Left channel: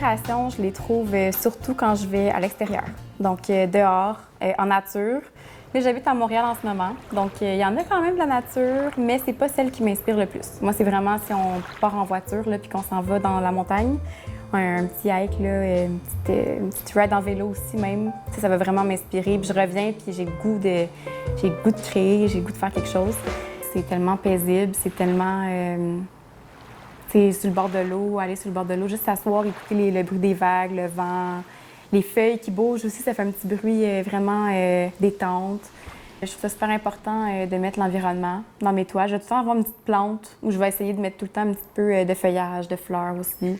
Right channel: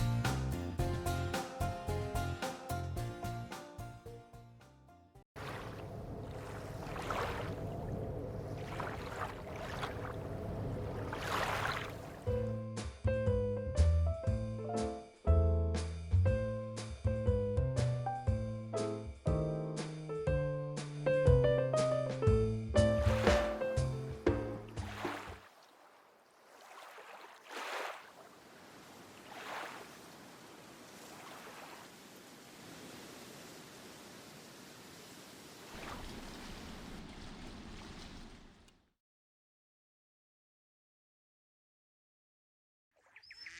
L'inspiration, je les trouve surtout quand je vais à l'extérieur, donc dehors, en nature. Là, j'habite à Montréal en ce moment, donc il y en a quand même de la nature, mais c'est pas celle qui m'inspire le plus. Moi, c'est vraiment si on part en voiture là, puis qu'on s'en va dans la montagne, un petit hike, là, une petite ride en vélo aussi même. Ça va vraiment m'inspirer. Puis je reviens, puis j'ai le goût de créer, j'ai le goût de faire quelque chose. C'est tellement paisible, c'est tellement... C'est sur le bord de l'eau, aller sur le bord de l'eau, juste s'asseoir, écouter le bruit des vagues, le vent, les feuilles qui bougent aussi, ça fait un petit bruit vraiment détente. Je trouve ça super important de mettre l'environnement dans mes toiles. Je vais tout le temps avoir une petite plante où je vais essayer de mettre tout le temps un petit peu de feuillage, de fleurs aussi.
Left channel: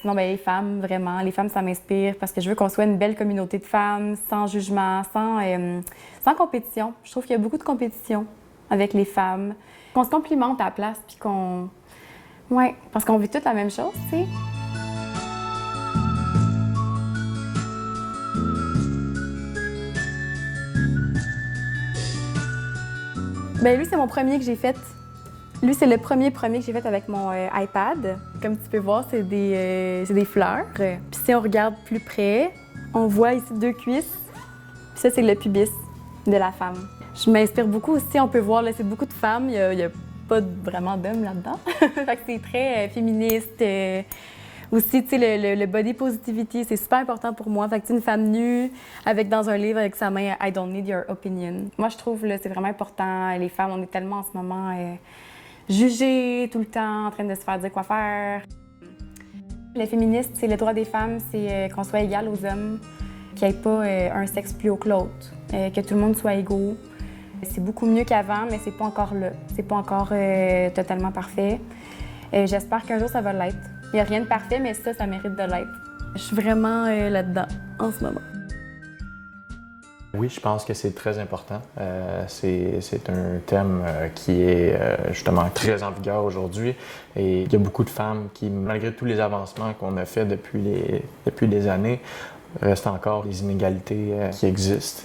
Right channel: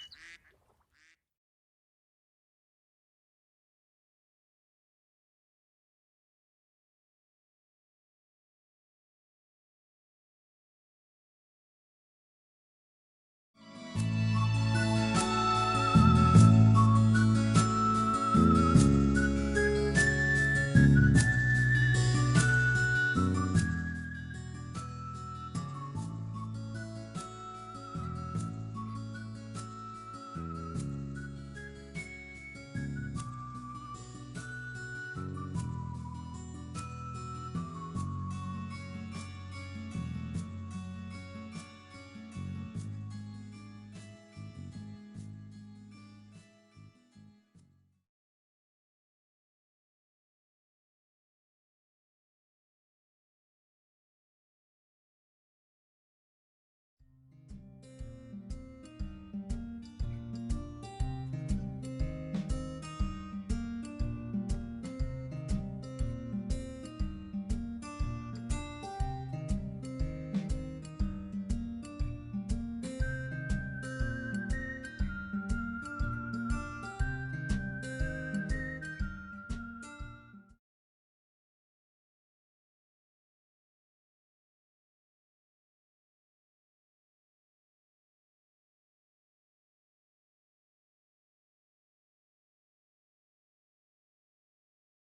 Sinon, bien, les femmes, vraiment, les femmes, ça m'inspire parce que je veux qu'on soit une belle communauté de femmes, sans jugement, sans compétition. Je trouve qu'il y a beaucoup de compétition avec les femmes. Qu'on se complimente à la place, puis qu'on... Ouais, parce qu'on vit toutes la même chose, tu sais. Bien, lui, c'est mon premier que j'ai fait. Lui, c'est le premier que j'ai fait avec mon iPad. Comme tu peux voir, c'est des fleurs. Puis si on regarde plus près, on voit ici 2 cuisses. Puis ça, c'est le pubis de la femme. Je m'inspire beaucoup aussi. On peut voir, là, c'est beaucoup de femmes. Il y a pas vraiment d'hommes là-dedans. Fait que c'est très féministe. Aussi, tu sais, le body positivity, c'est super important pour moi. Fait que, tu sais, une femme nue, avec dans un livre avec sa main « I don't need your opinion ». Moi, je trouve, là, c'est vraiment important. Les femmes, on est tellement en ce moment jugées tout le temps, en train de se faire dire quoi faire. Le féministe, c'est le droit des femmes, c'est qu'on soit égal aux hommes, qu'il n'y ait pas un sexe plus haut que l'autre, que tout le monde soit égaux. C'est beaucoup mieux qu'avant, mais c'est pas encore là. C'est pas encore totalement parfait. J'espère qu'un jour, ça va l'être. Il n'y a rien de parfait, mais ça mérite de l'être. Je suis vraiment là-dedans en ce moment. Oui, je pense que c'est très important. C'est un thème qui est justement très en vigueur aujourd'hui. Et il y a beaucoup de femmes qui, malgré tous les avancements qu'on a faits depuis des années, restent encore des inégalités qui existent.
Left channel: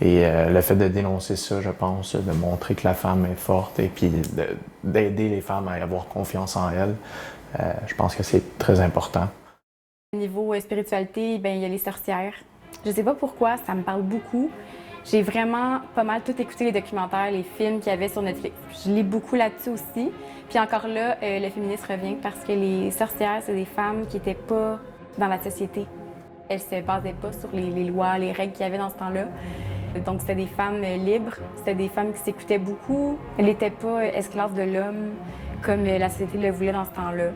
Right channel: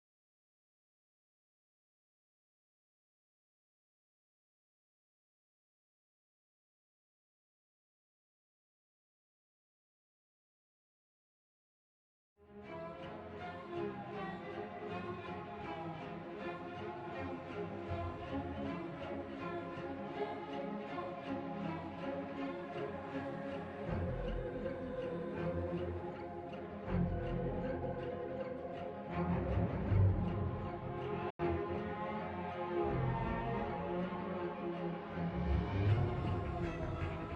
Et le fait de dénoncer ça, je pense, de montrer que la femme est forte et puis d'aider les femmes à avoir confiance en elles, je pense que c'est très important. Au niveau spiritualité, bien, il y a les sorcières. Je sais pas pourquoi, ça me parle beaucoup. J'ai vraiment pas mal tout écouté les documentaires, les films qu'il y avait sur Netflix. Je lis beaucoup là-dessus aussi. Puis encore là, le féminisme revient parce que les sorcières, c'est des femmes qui n'étaient pas dans la société. Elles se basaient pas sur les lois, les règles qu'il y avait dans ce temps-là. Donc c'était des femmes libres, c'était des femmes qui s'écoutaient beaucoup. Elles n'étaient pas esclaves de l'homme comme la société le voulait dans ce temps-là.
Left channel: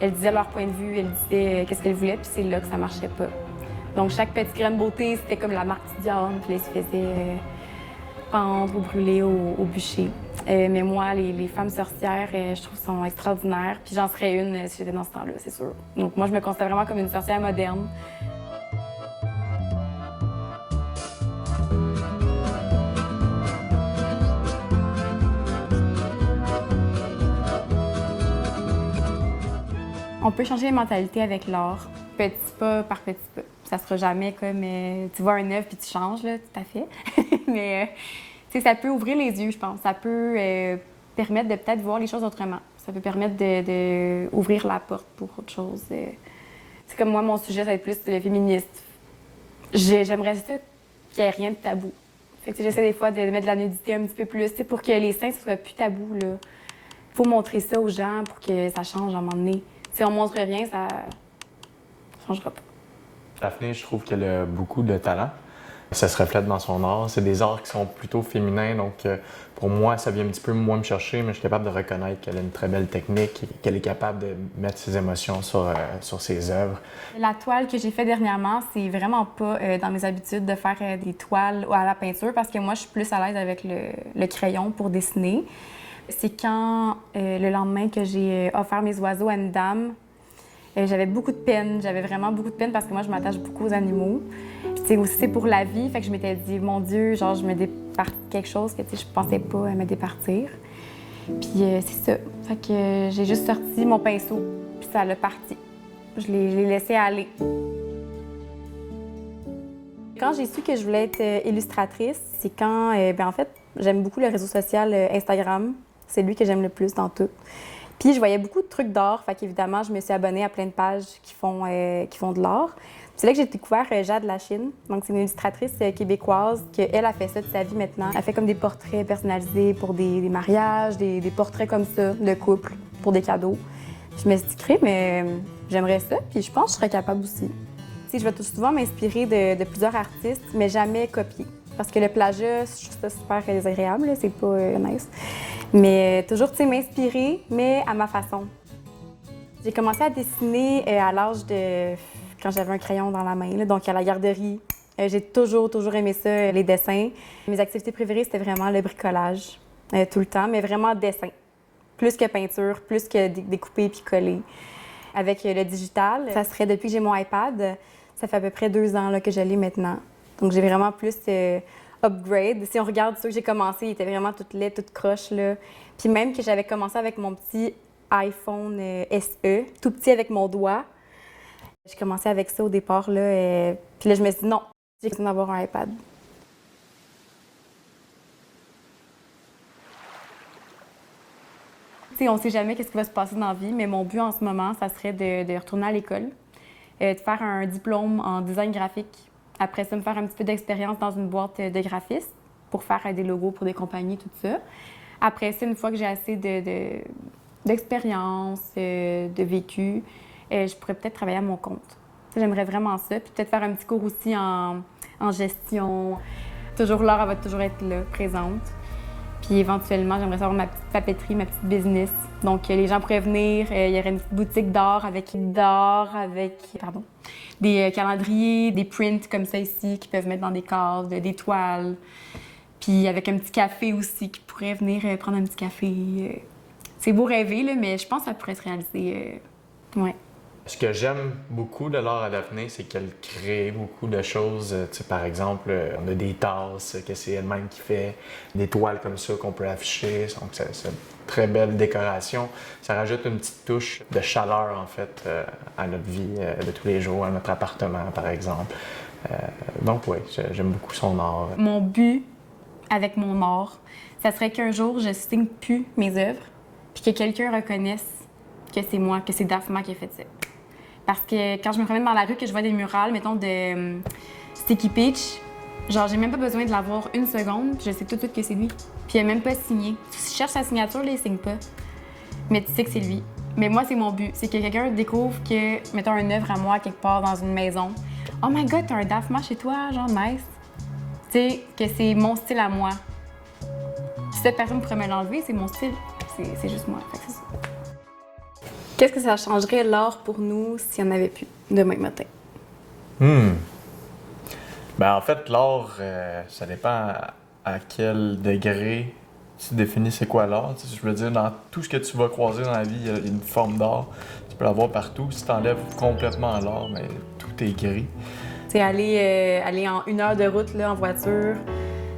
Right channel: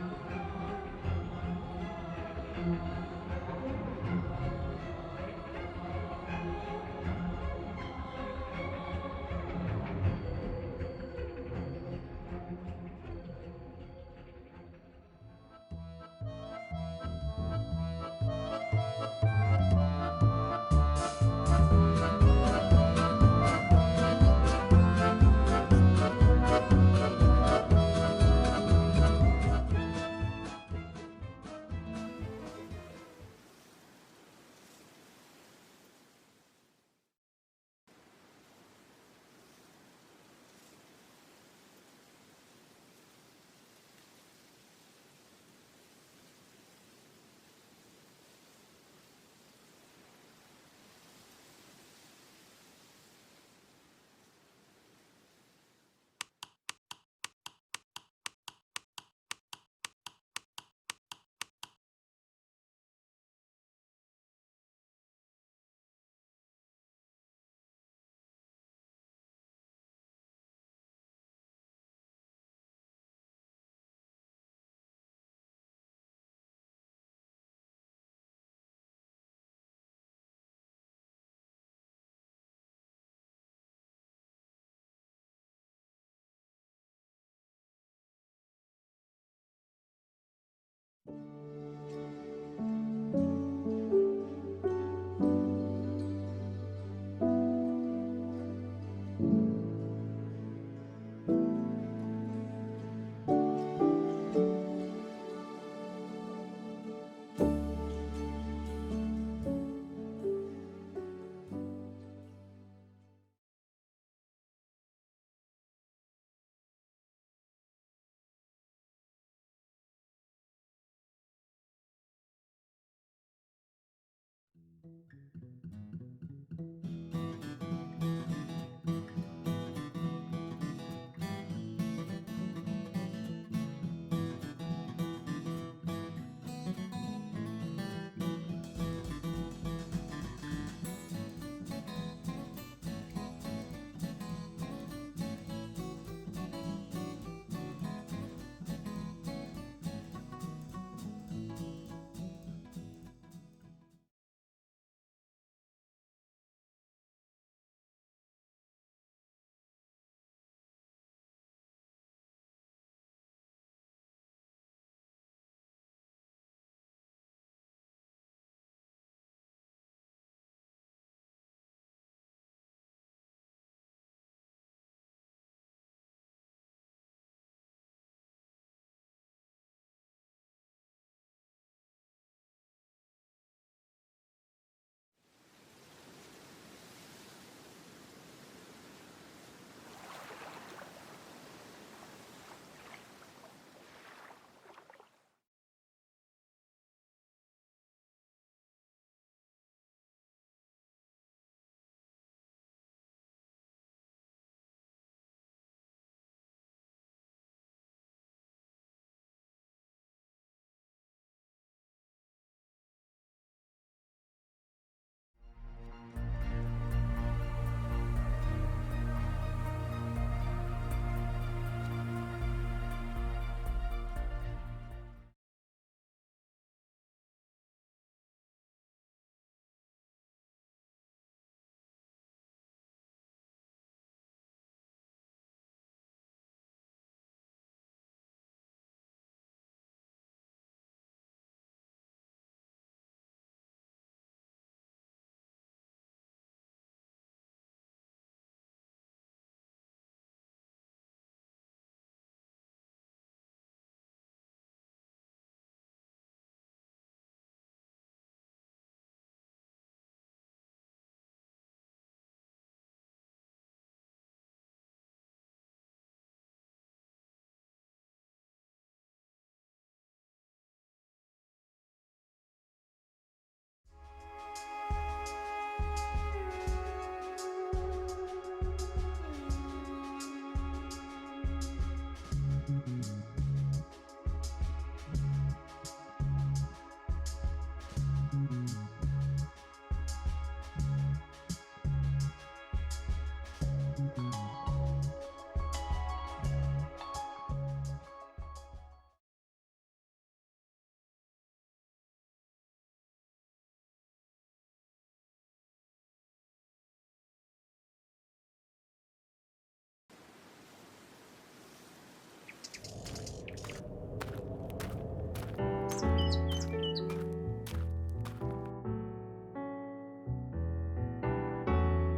Elles disaient leur point de vue, elles disaient qu'est-ce qu'elles voulaient, puis c'est là que ça marchait pas. Donc, chaque petite graine de beauté, c'était comme la marque du diable, puis là, ils se faisaient pendre ou brûler au bûcher. Mais moi, les femmes sorcières, je trouve sont extraordinaires. Puis j'en serais une si j'étais dans ce temps-là, c'est sûr. Donc, moi, je me considère vraiment comme une sorcière moderne. On peut changer les mentalités avec l'art, petit pas par petit pas. Ça sera jamais comme tu vois un œuf puis tu changes, là, tout à fait. Mais ça peut ouvrir les yeux, je pense. Ça peut permettre de peut-être voir les choses autrement. Ça peut permettre d'ouvrir la porte pour autre chose. C'est comme moi, mon sujet, ça va être plus le féministe. J'aimerais ça qu'il n'y ait rien de tabou. Fait que j'essaie des fois de mettre de la nudité un petit peu plus pour que les seins, ce soit plus tabou. Il faut montrer ça aux gens pour que ça change à un moment donné. Si on montre rien, ça ne changera pas. Daphné, je trouve qu'elle a beaucoup de talent. Ça se reflète dans son art. C'est des arts qui sont plutôt féminins, donc pour moi, ça vient un petit peu moins me chercher, mais je suis capable de reconnaître qu'elle a une très belle technique et qu'elle est capable de mettre ses émotions sur ses œuvres. La toile que j'ai faite dernièrement, c'est vraiment pas dans mes habitudes de faire des toiles à la peinture parce que moi, je suis plus à l'aise avec le crayon pour dessiner. C'est quand, le lendemain que j'ai offert mes oiseaux à une dame, j'avais beaucoup de peine. J'avais vraiment beaucoup de peine parce que moi, je m'attache beaucoup aux animaux. Puis, aussi, c'est pour la vie. Fait que je m'étais dit, mon Dieu, genre, je me départis de quelque chose que, je pensais pas me départir. Puis, c'est ça. Fait que j'ai juste sorti mon pinceau, puis ça l'a parti. Je l'ai laissé aller. Quand j'ai su que je voulais être illustratrice, c'est quand, en fait, j'aime beaucoup le réseau social Instagram. C'est lui que j'aime le plus dans tout. Puis je voyais beaucoup de trucs d'art, fait qu'évidemment, je me suis abonnée à plein de pages qui font de l'art. C'est là que j'ai découvert Jade Lachine. Donc, c'est une illustratrice québécoise qu'elle a fait ça de sa vie maintenant. Elle fait comme des portraits personnalisés pour des mariages, des portraits comme ça de couple, pour des cadeaux. Je me suis dit, mais j'aimerais ça, puis je pense que je serais capable aussi. Tu sais, je vais tout souvent m'inspirer de plusieurs artistes, mais jamais copier. Parce que le plagiat, je trouve ça super désagréable, là, c'est pas nice. Mais toujours, tu sais, m'inspirer, mais à ma façon. J'ai commencé à dessiner à l'âge de... quand j'avais un crayon dans la main, là, donc à la garderie. J'ai toujours aimé ça, les dessins. Mes activités préférées, c'était vraiment le bricolage, tout le temps, mais vraiment dessin. Plus que peinture, plus que découper puis coller. Avec le digital, ça serait depuis que j'ai mon iPad, ça fait à peu près 2 ans là, que je l'ai maintenant. Donc j'ai vraiment plus upgrade. Si on regarde ceux que j'ai commencé, ils étaient vraiment toutes laids, toutes croches, là. Puis même que j'avais commencé avec mon petit iPhone SE, tout petit avec mon doigt. J'ai commencé avec ça au départ, là. Puis là, je me suis dit non, j'ai besoin d'avoir un iPad. Tu sais, on ne sait jamais qu'est-ce qui va se passer dans la vie, mais mon but en ce moment, ça serait de retourner à l'école, de faire un diplôme en design graphique. Après ça, me faire un petit peu d'expérience dans une boîte de graphistes pour faire des logos pour des compagnies, tout ça. Après ça, une fois que j'ai assez d'expérience, de vécu, je pourrais peut-être travailler à mon compte. J'aimerais vraiment ça. Puis peut-être faire un petit cours aussi en gestion. Toujours l'art, elle va toujours être là, présente. Puis éventuellement, j'aimerais savoir ma petite papeterie, ma petite business. Donc les gens pourraient venir, il y aurait une petite boutique d'art avec des calendriers, des prints comme ça ici qui peuvent mettre dans des cases, des toiles. Puis avec un petit café aussi qui pourrait venir prendre un petit café. C'est beau rêver, là, mais je pense que ça pourrait se réaliser. Ouais. Ce que j'aime beaucoup de l'art à Daphné, c'est qu'elle crée beaucoup de choses. Tu sais, par exemple, on a des tasses que c'est elle-même qui fait, des toiles comme ça qu'on peut afficher. Donc, c'est une très belle décoration. Ça rajoute une petite touche de chaleur, en fait, à notre vie de tous les jours, à notre appartement, par exemple. Donc, oui, j'aime beaucoup son art. Mon but avec mon art, ça serait qu'un jour, je signe plus mes œuvres, puis que quelqu'un reconnaisse que c'est moi, que c'est Daphma qui a fait ça. Parce que quand je me promène dans la rue, que je vois des murales, mettons, de Sticky Peach, genre, j'ai même pas besoin de l'avoir une seconde, je sais tout de suite que c'est lui. Puis il a même pas signé. Si je cherche sa signature, là, il signe pas. Mais tu sais que c'est lui. Mais moi, c'est mon but. C'est que quelqu'un découvre que, mettons, une œuvre à moi quelque part dans une maison. Oh my God, t'as un Daphma chez toi, genre, nice. Tu sais, que c'est mon style à moi. Si cette personne pourrait me l'enlever, c'est mon style. C'est juste moi. C'est ça. Qu'est-ce que ça changerait l'art pour nous s'il n'y en avait plus demain matin? Ben, en fait, l'art, ça dépend à quel degré tu définis c'est quoi l'art. Tu sais, je veux dire, dans tout ce que tu vas croiser dans la vie, il y a une forme d'art. Tu peux l'avoir partout. Si tu enlèves complètement l'art, mais tout est gris. C'est aller en 1 heure de route là, en voiture,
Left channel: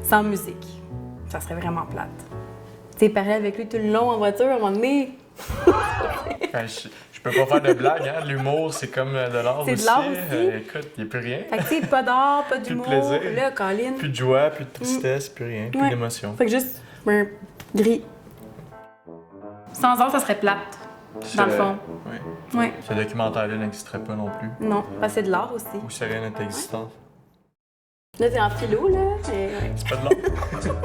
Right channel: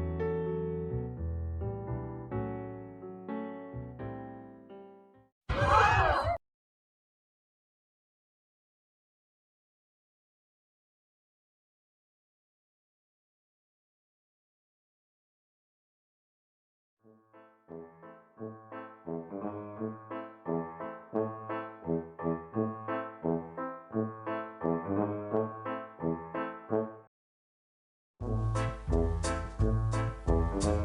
sans musique. Ça serait vraiment plate. Tu sais, pareil avec lui tout le long en voiture, à un moment donné. Enfin, je peux pas faire de blague, hein? L'humour, c'est comme de l'art aussi. C'est de l'art aussi. Écoute, il n'y a plus rien. Fait que tu sais, pas d'art, pas d'humour. Plus de plaisir. Là, Colin. Plus de joie, plus de tristesse, plus rien, plus d'émotion. Fait que juste gris. Sans art, ça serait plate, dans le fond. Oui. Ouais. Ce documentaire-là n'existerait pas non plus. Non, c'est de l'art aussi. Ou serait notre existence. Là, t'es en philo, là. C'est pas de l'art.